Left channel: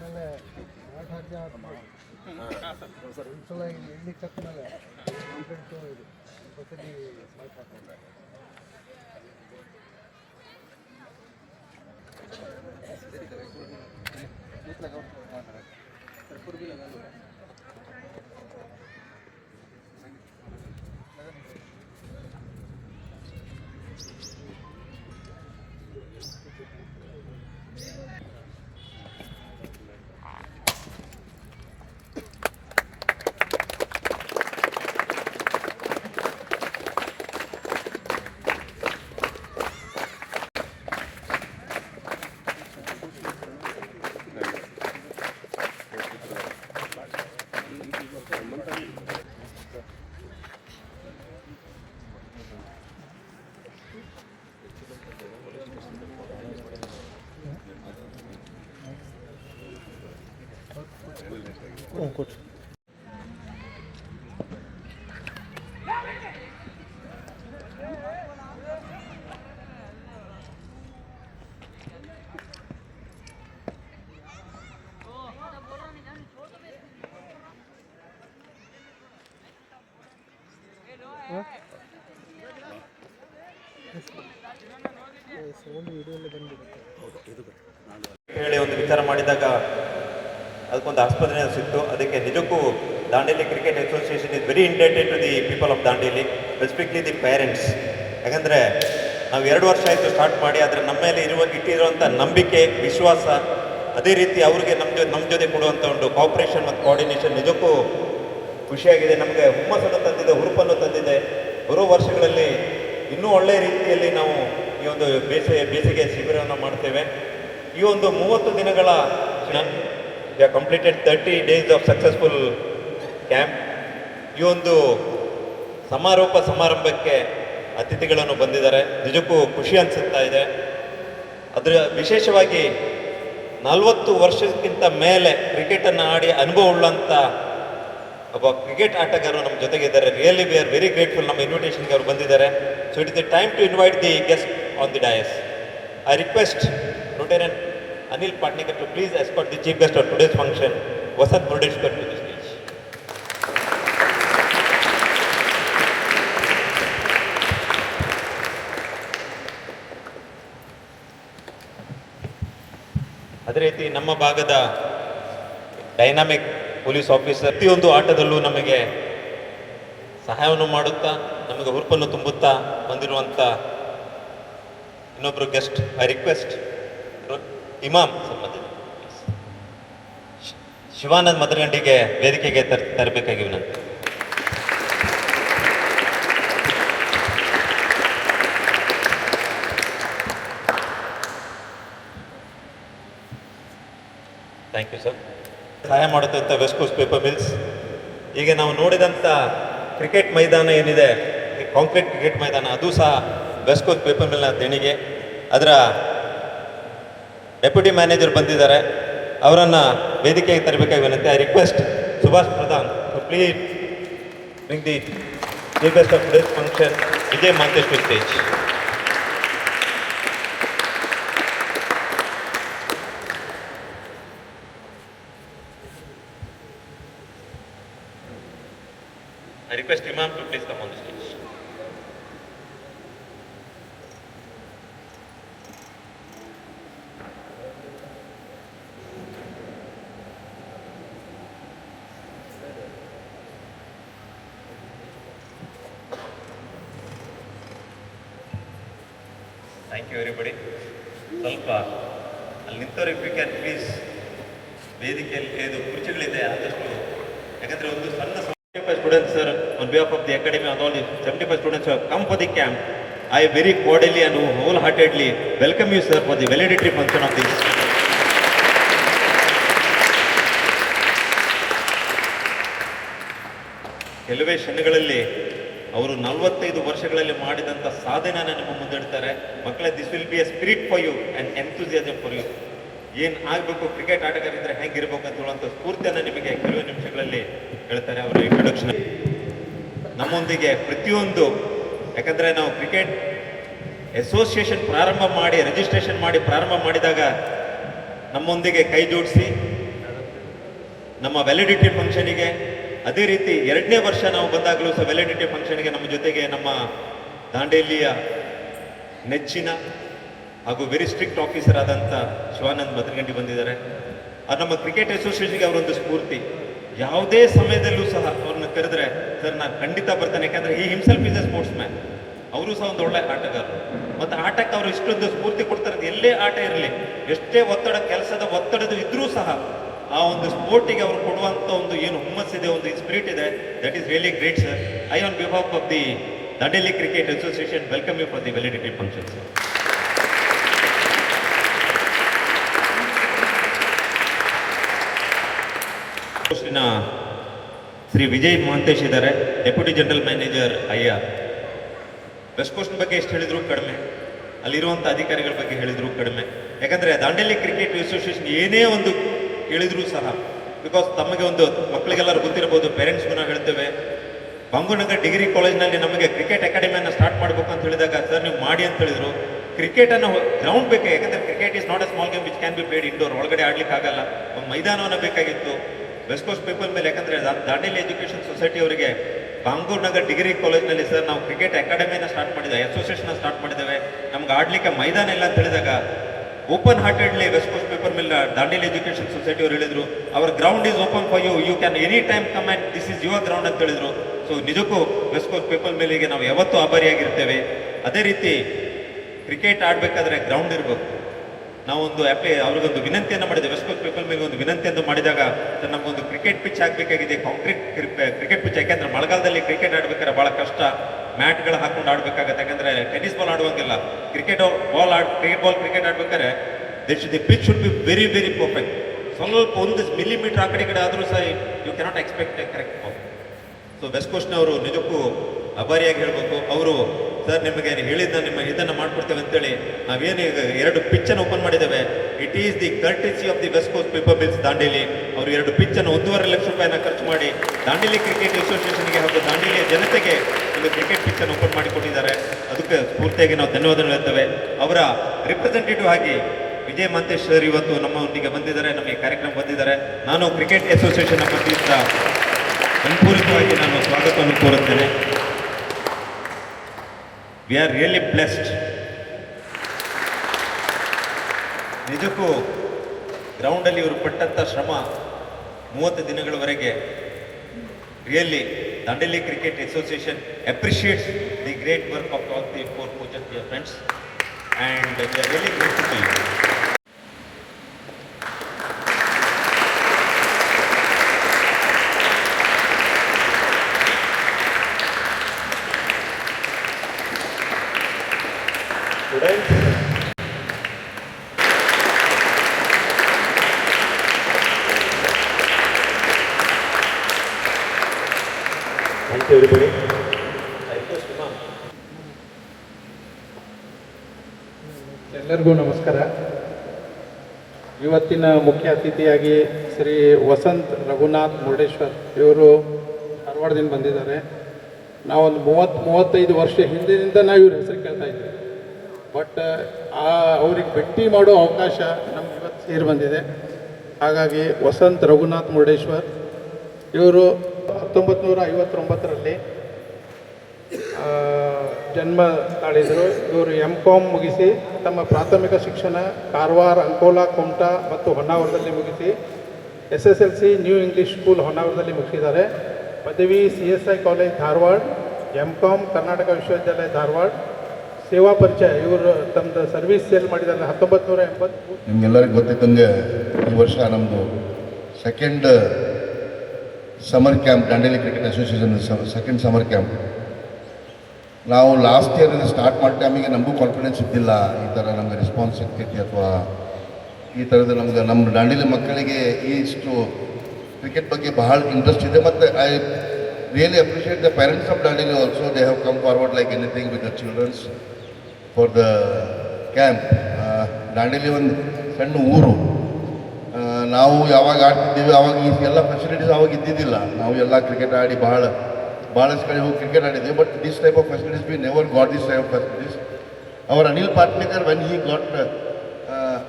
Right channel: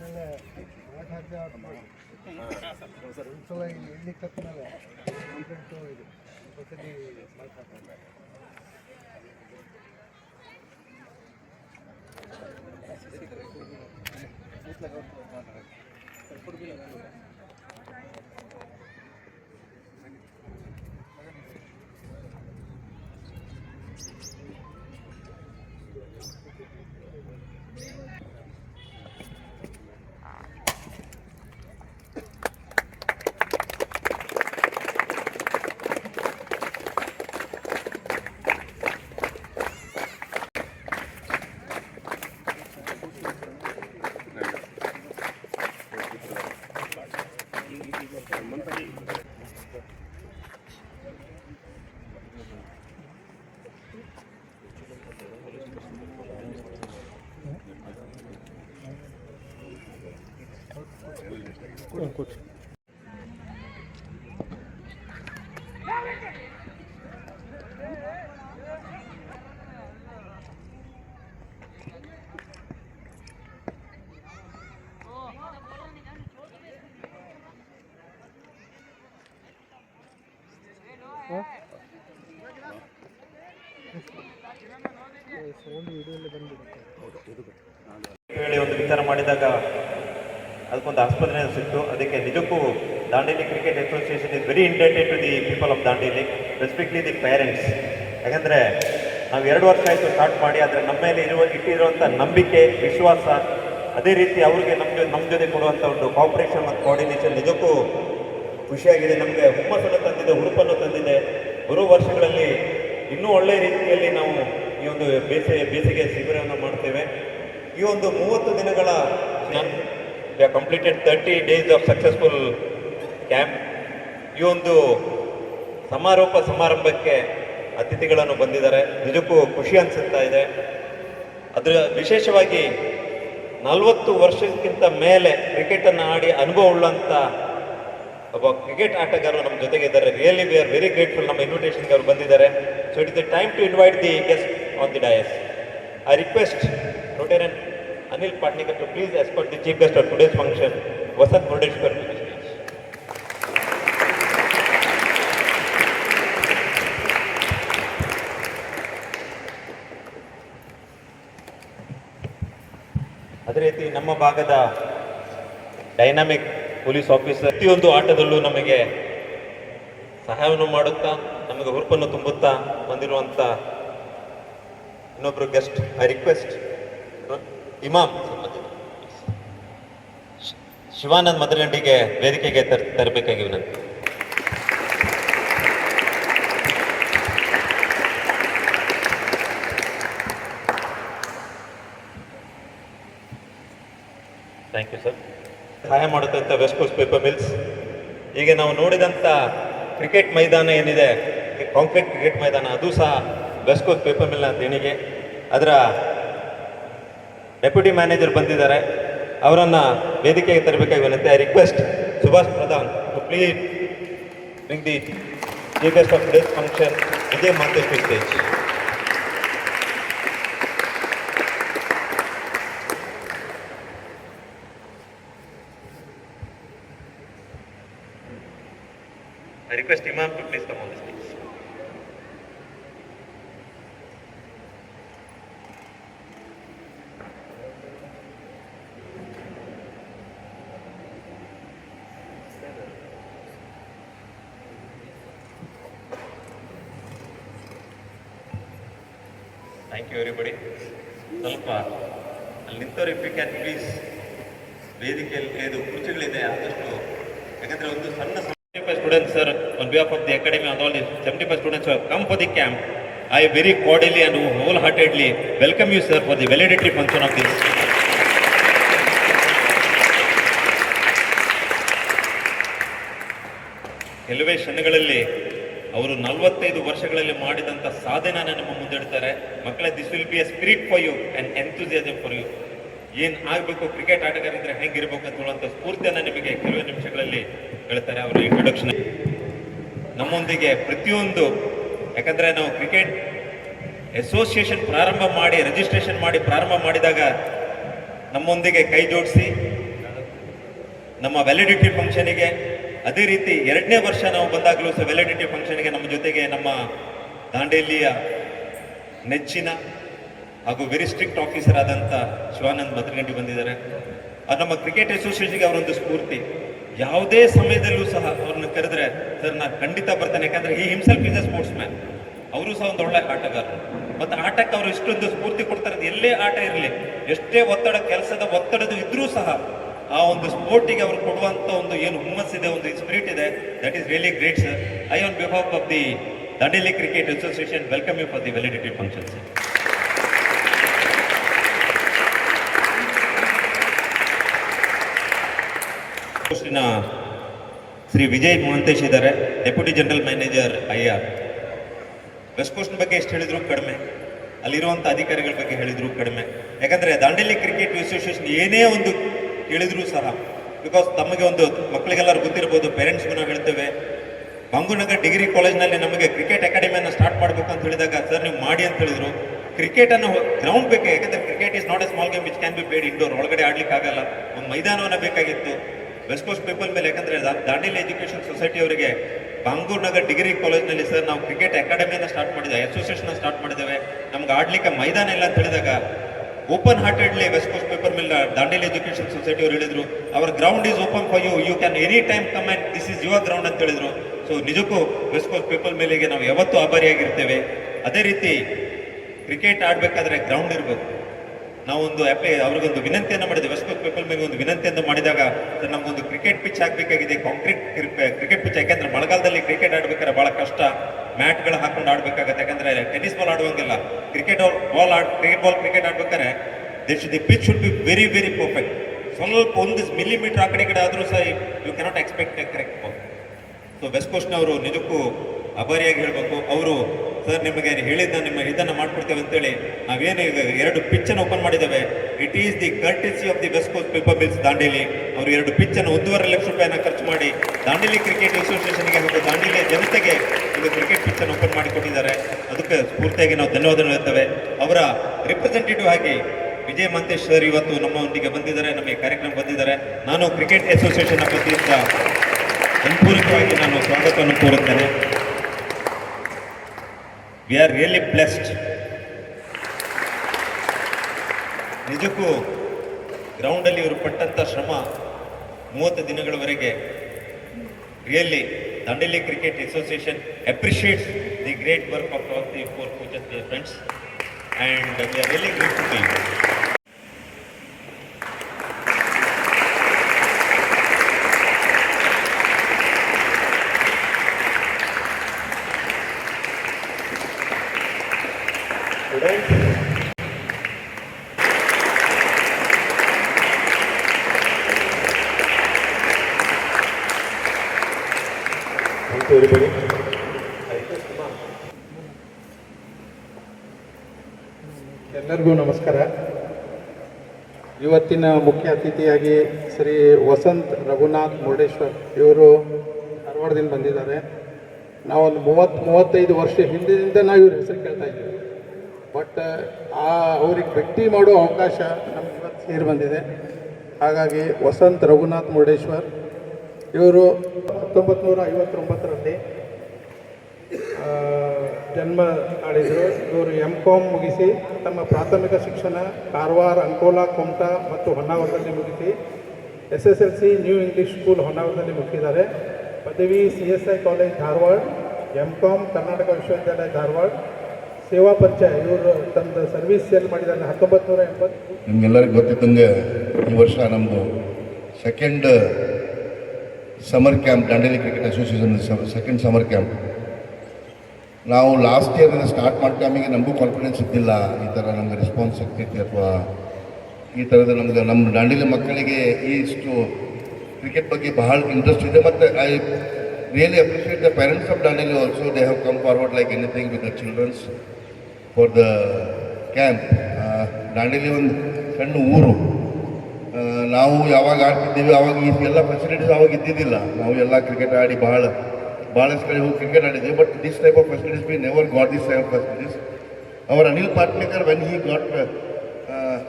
ಆಮೇಲೆ ಆಟ ಹಾಕಿ ಒಂದ್ಸಲ ಎಣ್ಣೆ ಕಟ್ಮೇಲೆ ಕಾಂಪ್ಲೇಂಟು ಇದು ಹೊಸದಿ ಮಾತು ಹಾಕಿದ್ದಾರೆ. कुछ ಹೇಳಿ ಒಂದು ವಿಚಾರ ಮಾಡಿದಾಗ ಅದಕ್ಕೊಂದು ಆಸ್ಪತ್ರೆ ಸಿಕ್ತು. ಅದಕ್ಕೆ ನಿಜಕ್ಕೂ Dandeli cricket association is very indebted to the people of Dandeli, specifically the parents. ಯಾಕಂದರೆ ನಾವು 2 ವರ್ಷ ಆಯಿತು ಸ್ಟಾರ್ಟ್ ಮಾಡಿ, ಆದರೆ ನಮ್ಮ ಮೇಲೆ ಇಟ್ಟಿರುವಂಥ ನಂಬಿಕೆ, ವಿಶ್ವಾಸ, ಅದೇ ರೀತಿ ಅವ್ರಿಗೆ ನಮ್ಮ ಜೊತೆ ಕೊಡುವಂಥ ಒಂದು ಕೋಆಪರೇಷನ್ ಮತ್ತು ಕೋಆರ್ಡಿನೇಷನ್ ನಿಜಕ್ಕೂ ಖುಷಿಯಾಗಿದೆ. ನಮಗೆ ಹುಮ್ಮಸ್ಸನ್ನು ತಂದಿದೆ, ಹುರುಪನ್ನು ತಂದಿದೆ. ಬರೋ ವರ್ಷಗಳಲ್ಲಿ ಇನ್ನೂ ಒಳ್ಳೆಯ ರೀತಿಯಲ್ಲಿ ನಾವು ಈ ಒಂದು ಬೇಸಿಗೆ ಶಿಬಿರವನ್ನು ಮಾಡ್ತೇವೆ. ಈ ಒಂದು 30 ದಿನಗಳ we have completed 30 days of successful camp. ಈ ಒಂದು ಸಮಾರಂಭಕ್ಕೆ ಅತಿಥಿಗಳನ್ನು ಬಂದಿದ್ದಾರೆ. ನಿಜಕ್ಕೂ ಖುಷಿ ಅನಿಸುತ್ತಾ ಇದೆ. ಅದರ ವಿಶೇಷವಾಗಿ 40 ವರ್ಷಕ್ಕಿಂತ ಮೇಲೆ ಕ್ರಿಕೆಟನ್ನು ಆಡಿ ಅನುಭವ ಉಳ್ಳಂಥ ಒಬ್ಬ ಕ್ರಿಕೆಟ್ ಆಟಗಾರರು ನಮ್ಮ ಜೊತೆಗಿದ್ದಾರೆ. Really we are very grateful. ನಮ್ಮ ಇನ್ವಿಟೇಷನ್ಗೆ ಅವರು ಬಂದಿದ್ದಾರೆ. So it is the time to invite the guest on the dais. I request Lieutenant Anil Patnikar to please escort the chief guest of today's function, Vasant Murdeshwar, to the stage. ಅದೇ ರೀತಿ ನಮ್ಮ ಭಾಗದ dynamic police officer ಪ್ರತಿಯೊಂದು ಆಟದಲ್ಲೂ ನಮಗೆ ಸಹಾಯವನ್ನು ಮಾಡುತ್ತಾ, ನಮಗೆ ಹುರುಪನ್ನು ತುಂಬುತ್ತಾ ಬಂದಿರುವಂಥ ಇನ್ನೊಬ್ಬರು guest. I request Imam Shivanand ಮದರಂಡಿಗೆ ವೇದಿಕೆಗೆ ತರಬೇಕಾಗಿ ವಿನಂತಿ. Thank you sir. ಸಹಾಯ ಮಾಡುತ್ತಂಥ ವೆಸ್ಟ್ ಕೋಸ್ಟ್ ಪೇಪರ್ ಮಿಲ್ಸ್. ಈಗ ನಾವು ನೋಡಿದಂಥ ಕ್ರಿಕೆಟ್ ಮೈದಾನ ಏನಿದೆ, ಕಾಂಕ್ರೀಟ್ ಕ್ರಿಕೆಟ್ ಮೈದಾನ, ಅದು ಸಹ ವೆಸ್ಟ್ ಕೋಸ್ಟ್ ಪೇಪರ್ ಮಿಲ್ನ ದೇಣಿಗೆ. ಅದರ ಡೆಪ್ಯೂಟಿ ಮ್ಯಾನೇಜರ್ ಬಂದಿದ್ದಾರೆ, ಅವರನ್ನು ವೇದಿಕೆಗೆ ತರಬೇಕಾಗಿ ವಿನಂತಿ. I request Subhash Pradhan to please bring the chief guest of this function, Vijay Mantesh to stage. I request Imam to please come on the stage. Thank you everybody. ಸ್ವಲ್ಪ ಅಲ್ಲಿ ನಿಂತವ್ರು ಇಫ್ ಯು ಕ್ಯಾನ್ ಪ್ಲೀಸ್, ವೇದಿಕೆಯಲ್ಲಿ ಇದು ಕುರ್ಚಿಗಳಿದೆ ಆದಷ್ಟು, ಯಾಕಂದರೆ ಒಂದು ಸಣ್ಣ 75 students sir, on behalf of the academy and all the 75 students who have come for the camp, I very cordially and wholeheartedly welcome you sir for the valedictory function of this. ಕೆಲವೇ ಕ್ಷಣಗಳಲ್ಲಿ ಅವರು 45 ವರ್ಷಗಳಲ್ಲಿ ಮಾಡಿದಂಥ ಸಾಧನೆಯನ್ನು ನಮ್ಮ ಮುಂದೆ ಇಡ್ತಾರೆ. ಮಕ್ಕಳೇ, this will be a spirit for you and enthusiasm for you. ಏನು ಆಗಬೇಕು, ಕ್ರಿಕೆಟ್ ಆಟಗಾರಿದ್ರೆ ಹೆಂಗಿರ್ಬೇಕು ಅಂತ ಹೇಳುವಂಥ ಸ್ಫೂರ್ತಿಯನ್ನು ನಿಮಗೆ ಕೆಲವೇ ನಿಮಿಷಗಳಲ್ಲಿ ಹೇಳ್ತಾರೆ ಅವರ ಇಂಟ್ರೊಡಕ್ಷನ್. ನಮ್ಮೊಂದಿಗೆ ಪ್ರತಿಯೊಂದು, ಯಾಕಂದರೆ ನಾವು ಕ್ರಿಕೆಟ್ ಅಸೋಸಿಯೇಷನ್ ಪ್ರಾರಂಭ ಮಾಡಿ ರಿಜಿಸ್ಟ್ರೇಷನ್ ಮಾಡಿ ಪ್ರಾರಂಭ ಮಾಡಿದಾಗ ನಮ್ಮೊಂದಿಗೆ ಕೈ ಜೋಡಿಸಿ ನಮ್ಮ ವ್ಯಾಲಿಡಿಟಿ ಫಂಕ್ಷನಿಗೆ, ಅದೇ ರೀತಿ 2ನೇ ವರ್ಷ ನಾವು ಬಂದಾಗಲೂ ಸಹ ವ್ಯಾಲಿಡಿಟಿ ಫಂಕ್ಷನ್ಗೆ ನಮ್ಮ ಜೊತೆಗೆ ನಮ್ಮ ದಾಂಡೇಲಿಯ ನೆಚ್ಚಿನ ಹಾಗೂ ವೆರಿ ಸ್ಟ್ರಿಕ್ಟ್ ಆಫೀಸರ್ ಆದಂಥ ಶಿವಾನಂದ್ ಮದ್ರಗಂಡಿ ಬಂದಿದ್ದಾರೆ. ಅದು ನಮ್ಮ ಕ್ರಿಕೆಟ್ ಅಸೋಸಿಯೇಷನ್ಗೆ ಅವರೊಂದು ಸ್ಫೂರ್ತಿ. ಯಾವುದೇ ಸಮಯದಲ್ಲೂ ಸಹ ಅವ್ರನ್ನ ಕರೆದ್ರೆ ಸರ್ ನಾನು ಖಂಡಿತ ಬರ್ತಾನೆ, ಯಾಕಂದ್ರೆ ಈ himself is A sports man. ಅವರು ಸಹ ಒಂದು ಒಳ್ಳೆ ಆಟಗಾರರು. ಮತ್ತು ಆಟಕ್ಕೆ ಅವರು ಇಷ್ಟೊಂದು ಸ್ಫೂರ್ತಿ ಕೊಡ್ತಾರೆ. ಎಲ್ಲೇ ಆಟ ಇರಲಿ, ಎಷ್ಟೇ ಒತ್ತಡ, ಕೆಲಸದ ಒತ್ತಡದ ಇದ್ರೂ ಸಹ ಆ ಒಂದು ಸ್ಪೋರ್ಟಿಗೆ ಅವರು ಕೊಡುವಂಥ ಒಂದು ಏನು ಹುಮ್ಮಸ್ಸಿದೆ, ಒಂದು ಸ್ಪಿರಿಟ್ ಇದೆ, that is really great sir. I on behalf of the Dandeli cricket association welcome you for the validity function sir. ಪೋಸ್ಟಿನ ಶ್ರೀ ವಿಜಯ್ ಮಹಂತೇಶ್ ಇದ್ದಾರೆ, deputy general manager IR. West coast ಬಗ್ಗೆ ಎಷ್ಟು ಹೇಳಿದ್ರು ಕಡಿಮೆ, ಅಲ್ಲಿರುವಂಥ ಅಧಿಕಾರಿಗಳ ಬಗ್ಗೆ ಹೇಳಿದ್ರು ಕಡಿಮೆ. ಯಾಕಂದರೆ ದಾಂಡೇಲಿ ಕ್ರಿಕೆಟ್ ಅಸೋಸಿಯೇಷನ್ ಏನೇ ಒಂದು ಹೇಳಿದ್ರು ಸಹ, ಬಿಕಾಸ್ ತಮಗೆ ಒಂದು ಮಕ್ಕಳಿಗೆಲ್ಲರೂ ಗೊತ್ತಿರ್ಬೋದು, ಪೇರೆಂಟ್ಸ್ಗೂ ನಾವು ಹೇಳ್ತೇವೆ, ಬಾಂಗುನಗರ್ ಡಿಗ್ರಿ ಕಾಲೇಜ್ನಲ್ಲಿ ನಮಗೆ ಕ್ರಿಕೆಟ್ ಅಕಾಡೆಮಿಯನ್ನು ಸ್ಟಾರ್ಟ್ ಮಾಡಬೇಕು ಅಂತ ಹೇಳಿದಾಗ ಸರ್ ನೀವು ಮಾಡಿ ಅಂತ ಹೇಳಿದ್ರು. ಕ್ರಿಕೆಟನ್ನು ಗ್ರೌಂಡ್ ಬೇಕು, ಯಾಕಂದರೆ cricket is not a small game which can be played indoor, ಒಳಗಡೆ ಆಡ್ಲಿಕ್ಕೆ ಆಗಲ್ಲ, ಒಂದು ಮೈದಾನವನ್ನು ಬೇಕಾಗಿತ್ತು ವೆಸ್ಟ್ ಕೋಸ್ಟ್ ಪೀಪಲ್ ಮೇಲೆ. ಯಾಕಂದರೆ ದಾಂಡೇಲಿ ಎಜುಕೇಷನ್ ಸೊಸೈಟಿ ಅವರಿಗೆ ಬಾಂಗೂರ್ ನಗರ್ ಡಿಗ್ರಿ ಕಾಲೇಜ್ನಲ್ಲಿ ಸರ್ ನಾವು ಕ್ರಿಕೆಟ್ ಅಕಾಡೆಮಿಯನ್ನು ಸ್ಟಾರ್ಟ್ ಮಾಡಿದ್ದೇವೆ, ಅಸೋಸಿಯೇಷನ್ ಸ್ಟಾರ್ಟ್ ಮಾಡಿದ್ದೇವೆ, ನಮ್ಗೆ ಆಡ್ಲಿಕ್ಕೆ ಮೈದಾನ ಇಲ್ಲ ಅಂತ ಹೇಳಿದಾಗ open heartedly West Coast people ಮೇಲೆ ದಾಂಡೇಲಿ ಎಜುಕೇಷನ್ ಸೊಸೈಟಿ ಅವರು ಹೇಳಿದ್ರು, our ground is open for you, you can any time come and this is your ground ಅಂತ ಹೇಳಿದ್ರು. ಸೊ ನಿಜಕ್ಕೂ ವೆಸ್ಟ್ ಕೋಸ್ಟ್ ಪೀಪಲ್ ಮೇಲೆಗೆ ನಾವು ಯಾವತ್ತೂ ಆಭಾರಿಯಾಗಿರ್ತೇವೆ. ಅದೇ ರೀತಿ ಕ್ರಿಕೆಟ್ ಆಡಬೇಕಾದ್ರೆ ಗ್ರೌಂಡ್ ಇರಬೇಕು. ನಾವೊಂದು ಅವ್ರಿಗೊಂದು ವಿನಂತಿಯನ್ನು ಮಾಡಿದ್ವಿ, ವೆಸ್ಟ್ ಕೋಸ್ಟ್ ಪೀಪಲ್ ಮೇಲೆ ಒಂದು ವಿನಂತಿಯನ್ನು ಮಾಡಿದಾಗ ನಮಗೊಂದು ಕ್ರಿಕೆಟ್ ಪಿಚ್ ಆಗಬೇಕಾಗಿದೆ, ಕಾಂಕ್ರೀಟ್ ಕ್ರಿಕೆಟ್ ಪಿಚ್. ಯಾಕೆಂದ್ರೆ ಮಳೆಗಾಲದಲ್ಲಿ ಕ್ರಿಕೆಟ್ ಆಡ್ಬೇಕಾದ್ರೆ ಭಾಳ ಕಷ್ಟ, ಮ್ಯಾಟ್ಗಳು ಹಾಕೊಂಡು ಆಡಬೇಕಾಗತ್ತೆ. ಯಾಕಂದ್ರೆ ಟೆನ್ನಿಸ್ ಬಾಲ್ ಆಡುವಂಗಿಲ್ಲ, ಕ್ರಿಕೆಟ್ ಕ್ರಿಕೆಟ್ ಆಡ್ಬೇಕಾದ್ರೆ the pitch should be very very perfect. ಸ್ವಲ್ಪ ಒಂದು ಮಿಲಿಮೀಟರ್ ಆ ಕಡೆ ಕಡೆ ಆದರೂ ಸಹ you cannot expect a correct ball. So west ಕೋಸ್ಟ್ನವರು ನಿಜಕ್ಕೂ ಆಭಾರಿಯಾಗಿ ಹೇಳಬೇಕು. ಅವರು ಸರ್ ನಿಮಗೆ ಹೇಳಿದ್ದ ನಿಮ್ಮ ಇದನ್ನು ಮಾಡ್ಕೊಡ್ತೇವೆ ಅಂತೇಳಿ ನಾವೇನು ಈಗ 2 ಪಿಚ್ಚನ್ನು ಓಪನ್ ಮಾಡಿದ್ದೇವೆ. It is the courtesy of the West Coast Paper Mills Dandeli. ಅವರು 2 ಪಿಚ್ಚನ್ನು 1.5 ಲಕ್ಷ ರೂಪಾಯಿನ ಖರ್ಚು ಮಾಡಿ ದಾಂಡೇಲಿ ಕ್ರಿಕೆಟ್ ಅಸೋಸಿಯೇಷನ್ಗೆ ಹಾಗೂ ದಾಂಡೇಲಿಯ ಜನತೆಗೆ ಒಂದು ಕ್ರಿಕೆಟ್ ಪಿಚ್ಚನ್ನು ಓಪನ್ ಮಾಡಿಕೊಟ್ಟಿದ್ದಾರೆ. ಅದಕ್ಕೆ ಸ್ಫೂರ್ತಿಯಾಗಿ ನಾವು ಧನ್ಯವಾದಗಳು ಹೇಳ್ತೇವೆ. ಅವರ ರಿಪ್ರೆಸೆಂಟೇಟಿವ್ ಆಗಿ ವಿಜಯ್ ಮಹಂತೇಶ್ ಸರ್ ಇವತ್ತು ನಮ್ಮೊಂದಿಗೆ ಬಂದಿದ್ದಾರೆ, ನಮಗೆ ಕಾರ್ಯಕ್ರಮ ಬಂದಿದ್ದಾರೆ. ನಾನು ಕ್ರಿಕೆಟ್ ಅಸೋಸಿಯೇಷನ್ ವತಿಯಿಂದ ಸಂಪೂರ್ಣವಾಗಿ ನಾನು ಸ್ವಾಗತವನ್ನು ಕೋರುತ್ತೇನೆ. We are really blessed. ನಿಜಕ್ಕೂ ಗ್ರೌಂಡಲ್ಲಿ ಇವರು ಪಟ್ಟಂಥ ಶ್ರಮ 30 ದಿನಗಳವರೆಗೆ really Dandeli cricket association appreciates the great work of all the 4 coaches, dear friends, and we are really grateful to you. Thank you everybody. ಎಲ್ಲರಿಗೂ ನಮಸ್ಕಾರ. ಇವತ್ತಿನ ಮುಖ್ಯ ಅತಿಥಿಯಾಗಿ ಶ್ರೀ ವಸಂತ್ ರಘುನಾಥ್ ಮುರುಡೇಶ್ವರ್ ಇವರು ಧಾರವಾಡದಿಂದ ಬಂದಿದ್ದಾರೆ. ನಾವೊಂದು 30-35 ವರ್ಷ ಹಿಂದಿನಿಂದ ನಾವು ಇವ್ರ ಹೆಸರು ಕೇಳ್ತಾ ಇದ್ದೀವಿ. ಬಟ್ ಅವ್ರಿಗೆ ಭೇಟಿ ಮಾಡೋ ಅವಕಾಶ ನಮ್ಗೆ ಇವತ್ತು ಸೇರಿ ಬಂದಿದೆ. ಹಾಗಾಗಿ ವಸಂತ್ ರಘುನಾಥ್ ಮುರುಡೇಶ್ವರ್ ಇವರು 1959ರಲ್ಲಿ ಜನ್ಮ ತಾಳಿದರು. ಇವರು M.Com ಮುಗಿಸಿ ತಮ್ಮ ಪ್ರಾಥಮಿಕ ಶಿಕ್ಷಣ ಕಾರವಾರ, ಅಂಕೋಲಾ, ಕುಮಟಾ ಮತ್ತು ಹೊನ್ನಾವರದಲ್ಲಿ ಮುಗಿಸಿ SSLC ನ್ಯೂ ಇಂಗ್ಲೀಷ್ ಸ್ಕೂಲ್ ಹೊನ್ನಾವರದಲ್ಲಿ ಮುಗಿಸಿದ್ದಾರೆ. ಪದವಿ CSI college Dharwad, M.Com Karnataka ವಿಶ್ವವಿದ್ಯಾಲಯ ಧಾರವಾಡ. ಸೇವಾ ಪರಿಚಯ ಇವರು ತಮ್ಮದು ಸರ್ವಿಸ್ ಸೇಲ್ ಮಾಡಿದ್ದಾರೆ 1980. ನಿಮಗೆಲ್ಲರಿಗೂ ಗೊತ್ತಿದ್ದಂಗೆ ಈ ವರ್ಷ ನಮ್ಮದು second summer camp, Dandeli cricket association second summer camp. ನಾವು ಲಾಸ್ಟ್ ಇಯರ್ ಸ್ಟಾರ್ಟ್ ಮಾಡೋ ಟೈಮಿಗೆ ನಮಗೂ ಕಾನ್ಫಿಡೆನ್ಸ್ ಇದ್ದಿಲ್ಲ, ಈ ಥರ ನಮಗೆ ರೆಸ್ಪಾನ್ಸ್ ಸಿಗ್ತೈತಿ ಅಥವಾ ಈ ಥರದ ನಮ್ಮ ದಾಂಡೇಲಿ ಮಕ್ಕಳಿಗೆ ಇಷ್ಟು ಕ್ರಿಕೆಟ್ ಬಗ್ಗೆ ಬಹಳ ಇಂಟ್ರೆಸ್ಟ್ ಇದೆ. ಮತ್ತು I really appreciate the parents of Dandeli also. They have come forward like anything with the childrens for the camp. Dandeli ಒಂದು ಸಣ್ಣ ಊರು. ನಾವು ಯಾವಾಗ ಆಡ್ತಿದ್ದೀವಿ ಆವಾಗ ಈ ಎಲ್ಲ ಫೆಸಿಲಿಟೀಸ್ ಆವಾಗ ಇದ್ದಿದ್ದಿಲ್ಲ. ನಾವು ಎಲ್ಲ ಕ್ರಿಕೆಟ್ ಆಡಿ ಭಾಳಷ್ಟು ಕಡೆ ಹೋಗಿ ಕ್ರಿಕೆಟ್ ಆಡಿದ್ದೀವಿ. But this type of facilities we never got this type of facilities. Our Anil Patnekar when he got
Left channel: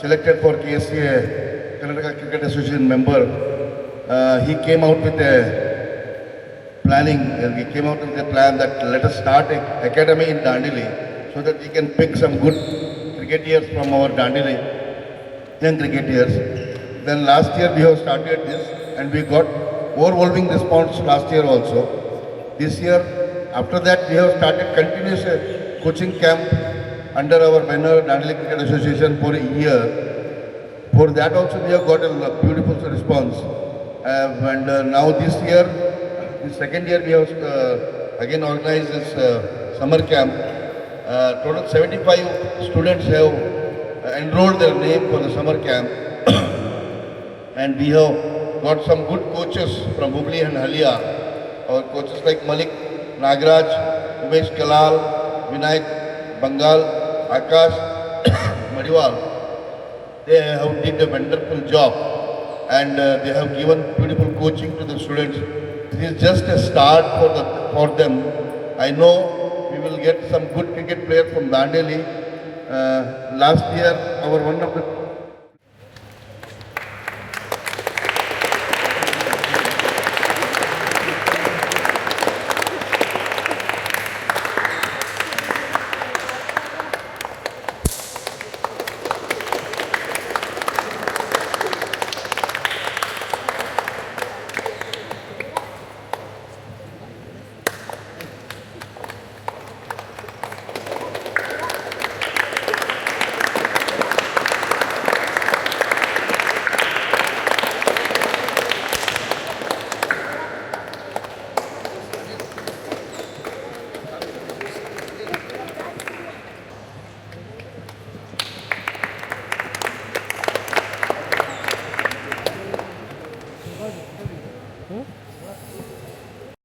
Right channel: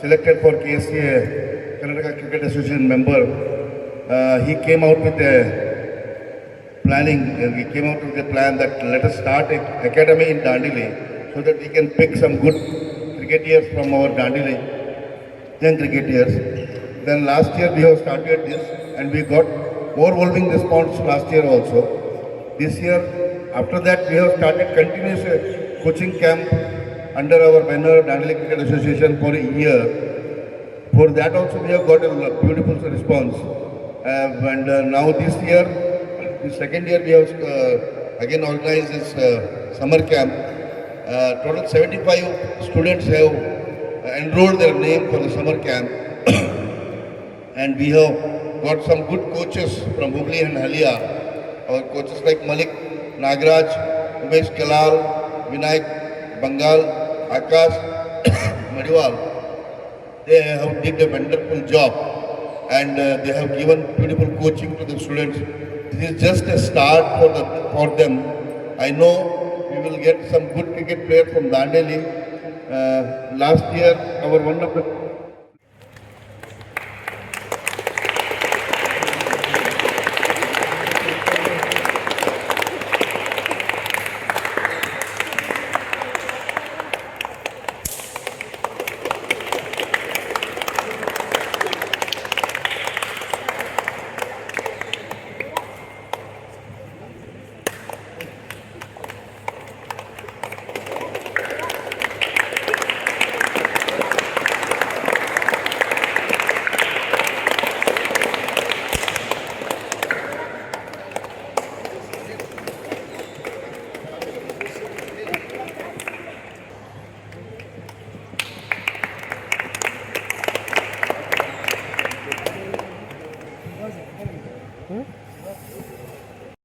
selected for KSCA, Karnataka Cricket Association member, he came out with a planning, he came out with a plan that let us start an academy in Dandeli so that we can pick some good cricketers from our Dandeli, young cricketers. Then last year we have started this and we got overwhelming response last year also. This year, after that, we have started continuous coaching camp under our banner Dandeli Cricket Association for a year. For that also we have got a beautiful response. Now this year, the second year we have again organized this summer camp. Total 75 students have enrolled their name for the summer camp. And we have got some good coaches from Hubli and Halia. Our coaches like Malik Nagraj, Umesh Kalal, Vinayak Bengal, Akash Madiwal. They have did a wonderful job and they have given beautiful coaching to the students. This is just a start for them. I know we will get some good cricket players from Dandeli. Last year, one of the